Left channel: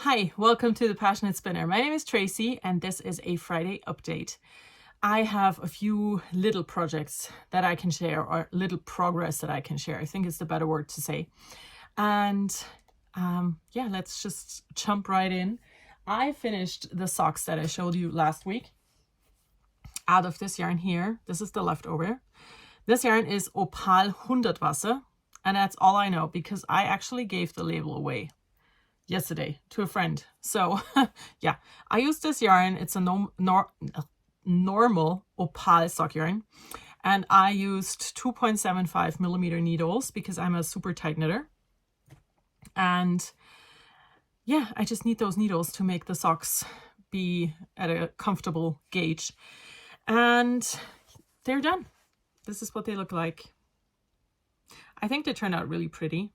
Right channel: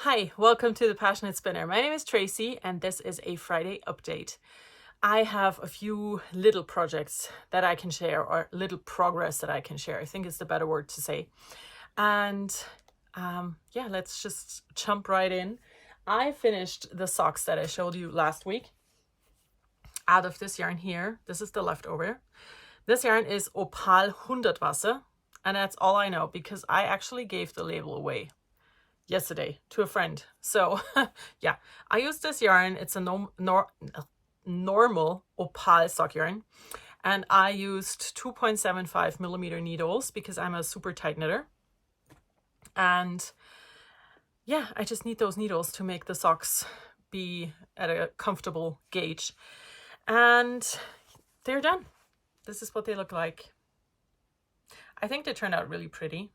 Hi, welcome to the PassionKnit Spinner. My name is Tracy and this is a Friday update. I have a few little projects that I can share, or little progress that I can share. I think is the better word to say. And yeah, let's just jump right in. I finished the socks that I showed you last week out of this yarn here. This is the leftover. This yarn is Opal 100 Wasser, and that's all I know because I actually gave the label away yesterday to a friend. So yeah, I use this yarn. It's a normal Opal sock yarn, and I used 2.75 millimeter needles because I'm a super tight knitter. And yeah, I just need those needles to make the socks be at a comfortable gauge. And they're done. This is what they look like. I think they turned out really pretty.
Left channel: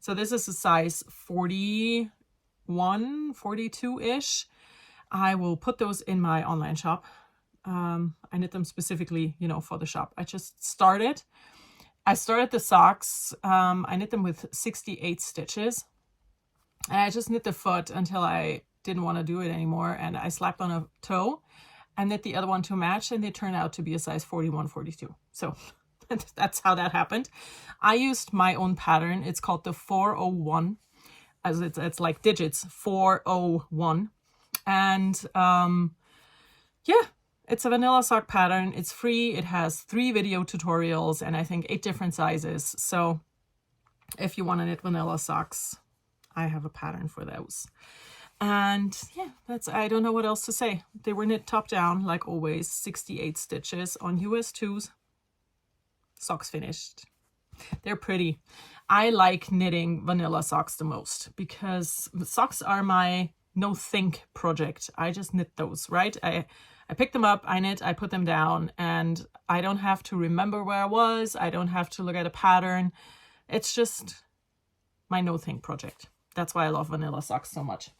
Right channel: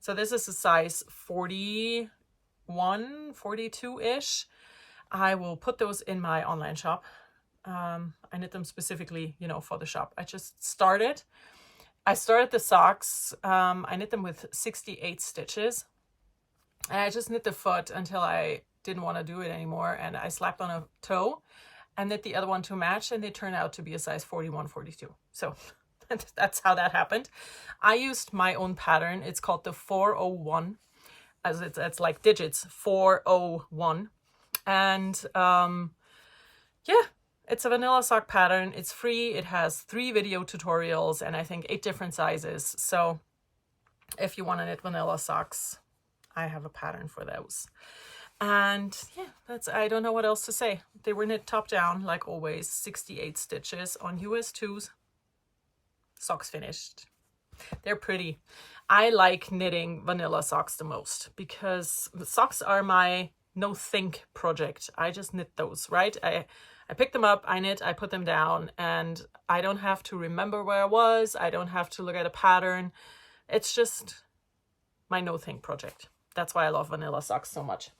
So this is a size 41, 42-ish. I will put those in my online shop. I knit them specifically, for the shop. I started the socks. I knit them with 68 stitches. And I just knit the foot until I didn't want to do it anymore. And I slapped on a toe and knit the other one to match. And they turned out to be a size 41, 42. So that's how that happened. I used my own pattern. It's called the 401, as it's like digits, 401. And yeah, it's a vanilla sock pattern. It's free. It has 3 video tutorials and I think 8 different sizes. So if you want to knit vanilla socks, I have a pattern for those. And yeah, I don't know what else to say. They were knit top down, like always, 68 stitches on US 2s. Socks finished. They're pretty. I like knitting vanilla socks the most because the socks are my no think project. I just knit those, right? I pick them up, I knit, I put them down, and I don't have to remember where I was. I don't have to look at a pattern. It's just my no think project. That's why I love vanilla socks so much.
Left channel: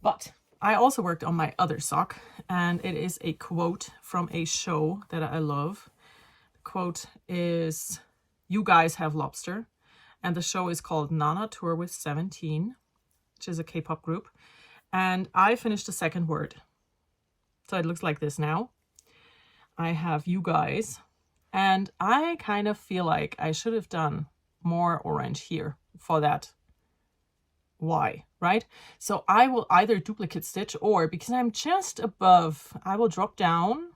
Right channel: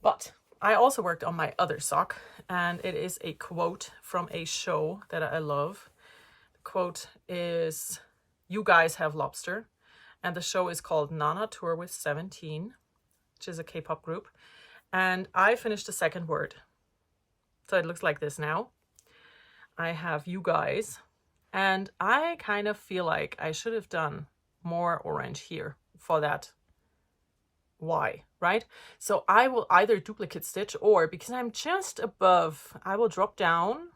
But I also worked on my other sock, and it is a quote from a show that I love. Quote is, "You guys have lobster," and the show is called Nana Tour with 17, which is a K-pop group. And I finished the second word, so it looks like this now. I have "you guys," and I kind of feel like I should have done more orange here for that Y, right? So I will either duplicate stitch, or because I'm just above, I will drop down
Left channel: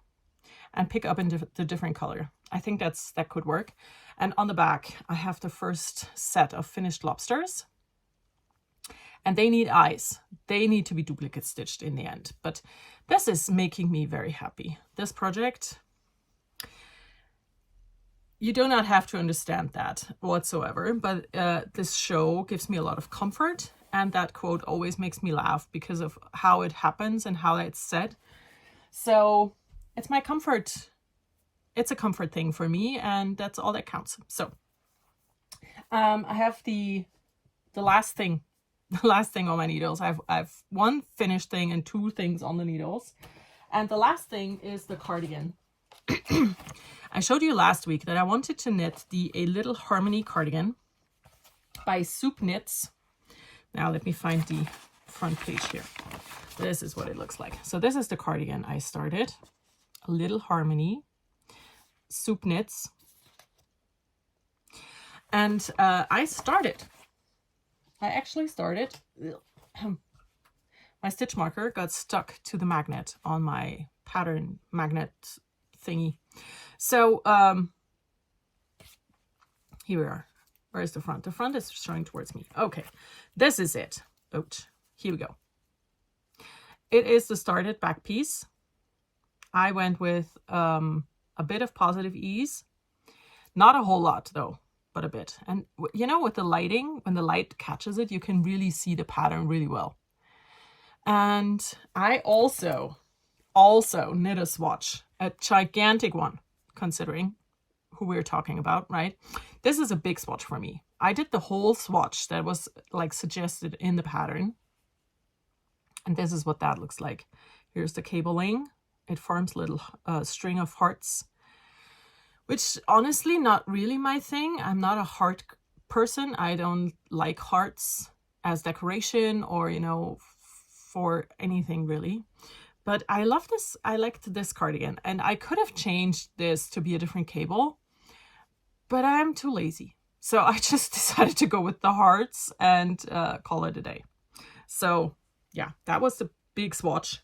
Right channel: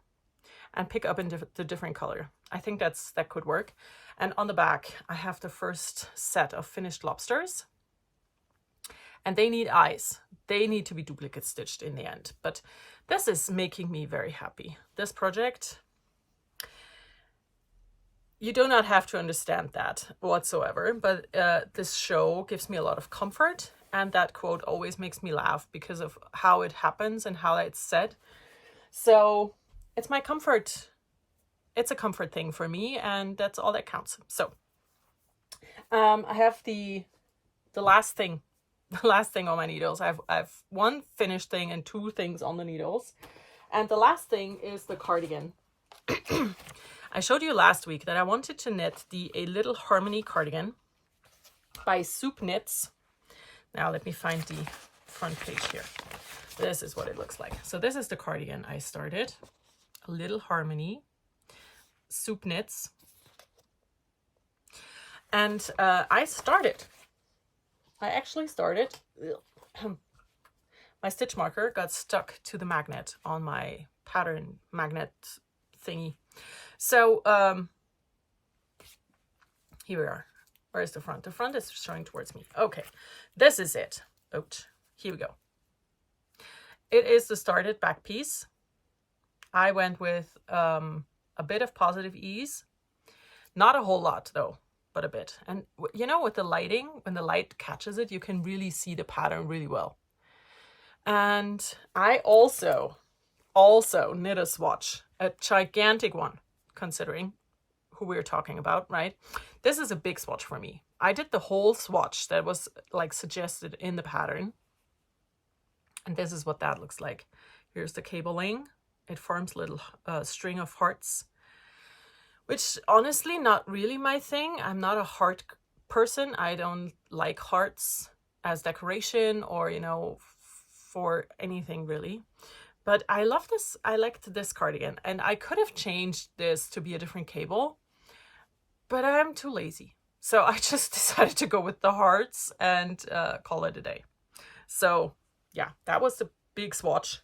and pick up in the different color. I think that could work. And on the back, I have the first set of finished lobsters. And they need eyes. They need to be duplicate stitched in the end. But this is making me very happy. This project, you do not have to understand that whatsoever. But this show gives me a lot of comfort. And that quote always makes me laugh because of how it happens and how it's said. So it's my comfort. It's a comfort thing for me, and that's all that counts. So I have the last thing on my needles. I've one finished thing and 2 things on the needles, and the last thing is the cardigan. I showed you last week that I wanted to knit A Little Harmony cardigan by Soopknits. Now let me find the front page here. This is what it looks like. So this is the cardigan I started. A Little Harmony, Soopknits. And I actually started. My stitch marker got stuck to the magnet on my pattern magnet thingy. So here we are. Where's the front? The front is showing towards me. Okay, this is it. Ouch. Here we go. It is the started back piece. I went with a bit of positive ease. Not a whole lot though, but a bit. And with the lighting, when the light catches it, you can really see the pattern really well. And I also knit a swatch, a gigantic one, considering who we're talking about, right? This is a big swatch for me. I did the whole swatch that was like suggested in the pattern. And this is what that looks like. Here's the cabling. It forms a little string of hearts, which honestly not really my thing. I'm not a heart person. I don't like hearts. as decoration or, you know, for anything really. But I love this. I liked this cardigan, and I could have changed this to be a different cable, but I'm too lazy. So I just decided to go with the hearts and call it a day. So yeah, that was the big swatch.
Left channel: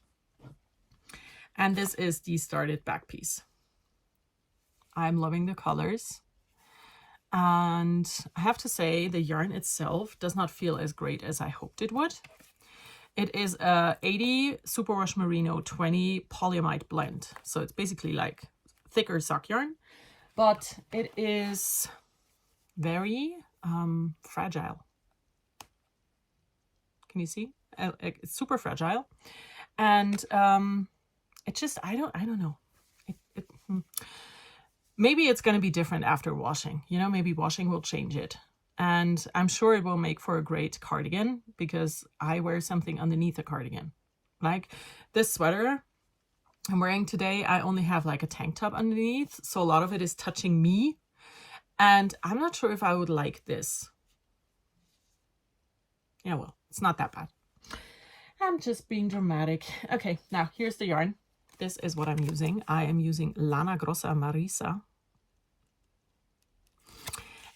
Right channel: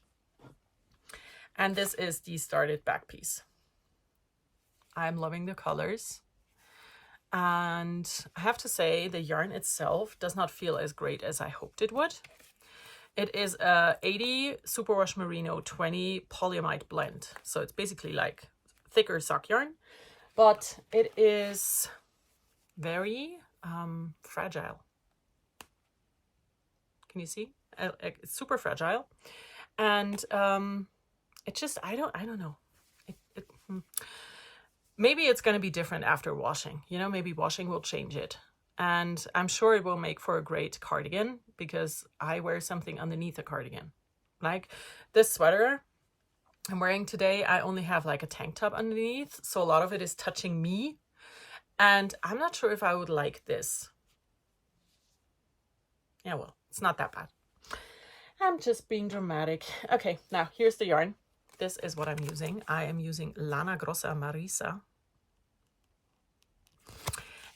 And this is the started back piece. I'm loving the colors. And I have to say the yarn itself does not feel as great as I hoped it would. It is a 80 Superwash Merino 20 polyamide blend. So it's basically like thicker sock yarn, but it is very fragile. Can you see? It's super fragile. And it just, I don't know. Maybe it's going to be different after washing. You know, maybe washing will change it. And I'm sure it will make for a great cardigan because I wear something underneath a cardigan. Like this sweater I'm wearing today, I only have like a tank top underneath. So a lot of it is touching me. And I'm not sure if I would like this. Yeah, well, it's not that bad. I'm just being dramatic. Okay, now here's the yarn. This is what I'm using. I am using Lana Grossa Marisa.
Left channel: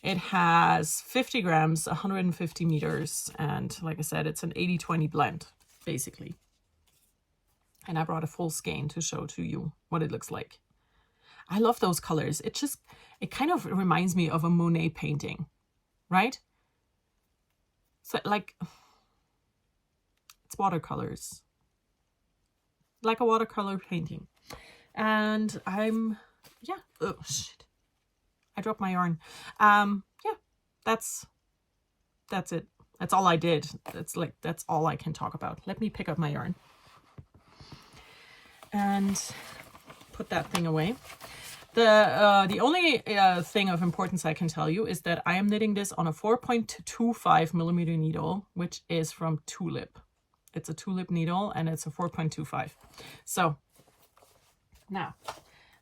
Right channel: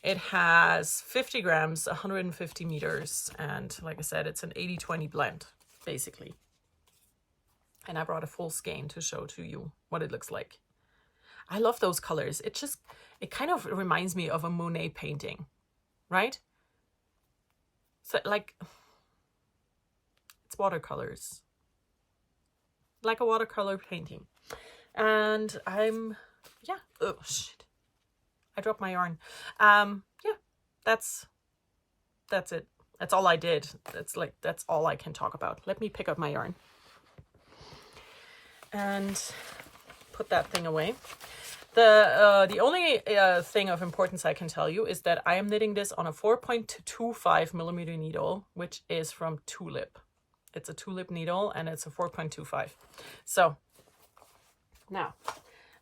It has 50 grams, 150 meters, and like I said, it's an 80-20 blend, basically. And I brought a full skein to show to you what it looks like. I love those colors. It kind of reminds me of a Monet painting, right? So like, it's watercolors. Like a watercolor painting. And yeah, oh shit. I dropped my yarn. Yeah, that's it. That's all I did. That's all I can talk about. Let me pick up my yarn and put that thing away. The only thing of importance I can tell you is that I am knitting this on a 4.25 millimeter needle, which is from Tulip. It's a Tulip needle and it's a 4.25. So now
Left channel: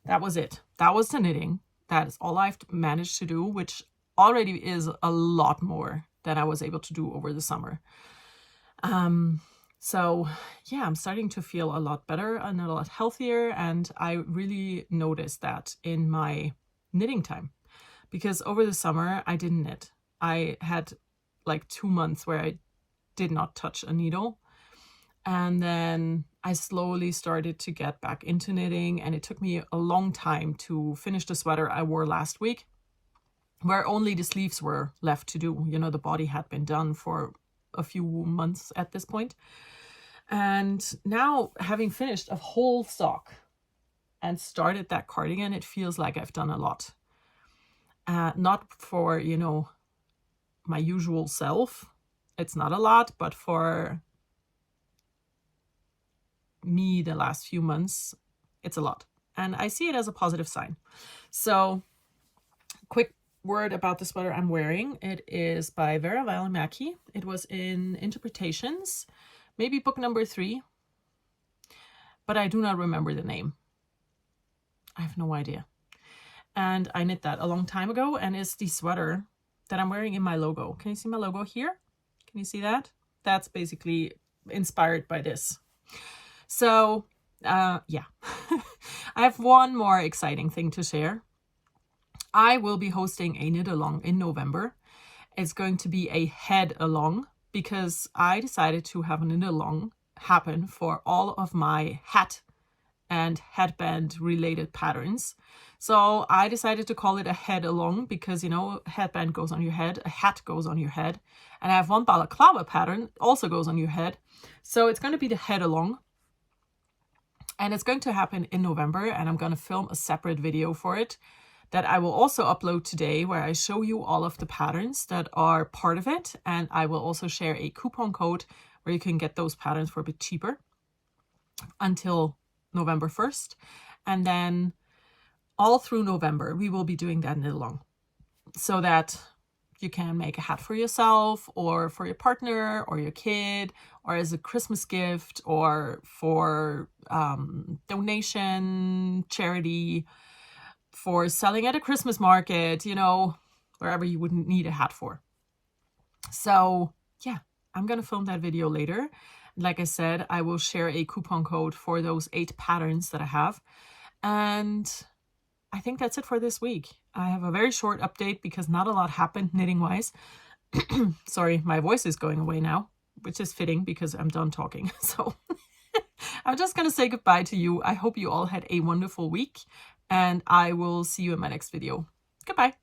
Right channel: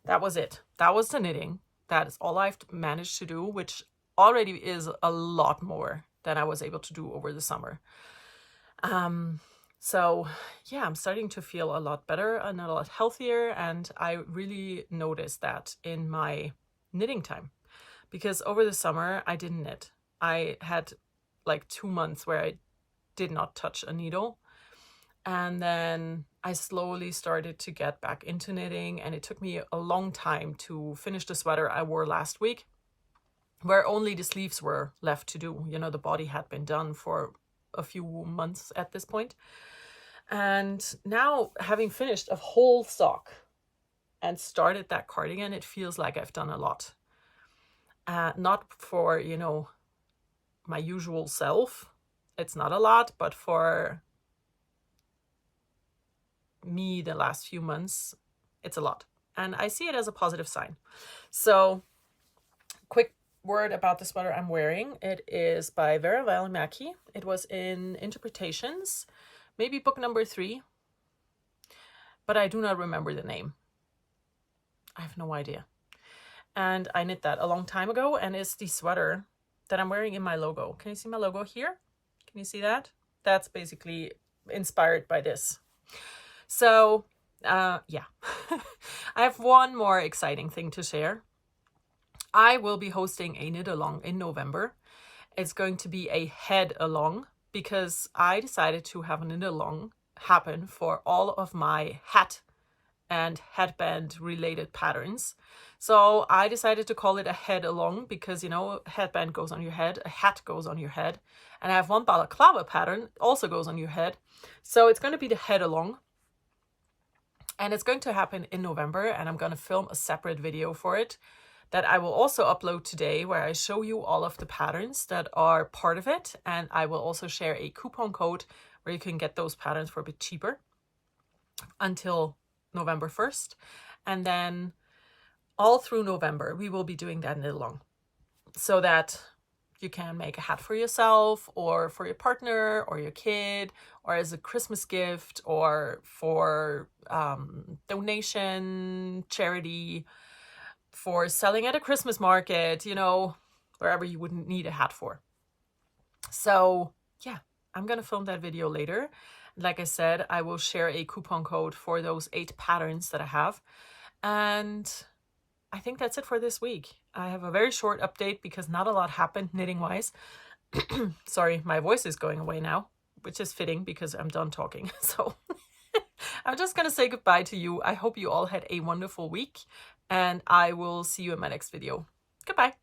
that was it. That was the knitting. That is all I've managed to do, which already is a lot more than I was able to do over the summer. So yeah, I'm starting to feel a lot better and a lot healthier. And I really noticed that in my knitting time, because over the summer I didn't knit. I had like 2 months where I did not touch a needle. And then I slowly started to get back into knitting, and it took me a long time to finish the sweater I wore last week, where only the sleeves were left to do. You know, the body had been done for a few months at this point. And now, having finished a whole sock and started that cardigan, it feels like I've done a lot. Not for, you know, my usual self. It's not a lot, but for me the last few months, it's a lot. And I see it as a positive sign. So, quick word about the sweater I'm wearing. It is by Vera Välimäki. It was in Interpretations, maybe book number 3, but I do not remember the name. I have no idea. And I knit that a long time ago, and it's the sweater that I'm wearing in my logo. Can you see my logo here? Can you see that? That's basically inspired by this. So, yeah. I have one more exciting thing to share. I will be hosting a knit along in November. It's going to be a head along because I decided to have a knit along happen for all of my hat and headband related patterns. So I decided to call it a head along because, you know, a headband goes on your head, a hat goes on your head, and I have one balaclava pattern also goes on your head. So it's going to be the head along. And it's going to happen in November, and I'm going to film a separate video for it that I will also upload today, where I show you all of the patterns that are part of it. And I will also share a coupon code where you can get those patterns for a bit cheaper until November 1st. And then all through November, we will be doing that knit along so that you can make a hat for yourself or for your partner or your kid or as a Christmas gift or for donation, charity, for selling at a Christmas market, you know, wherever you wouldn't need a hat for. So yeah, I'm going to film that video later. Like I said, I will share a coupon code for those 8 patterns that I have. And I think that's it for this week. I have a very short update because not a lot happened knitting wise. Sorry, my voice is going away now, which is fitting because I'm done talking. So I'm just going to say goodbye to you. I hope you all had a wonderful week, and I will see you in my next video. Goodbye.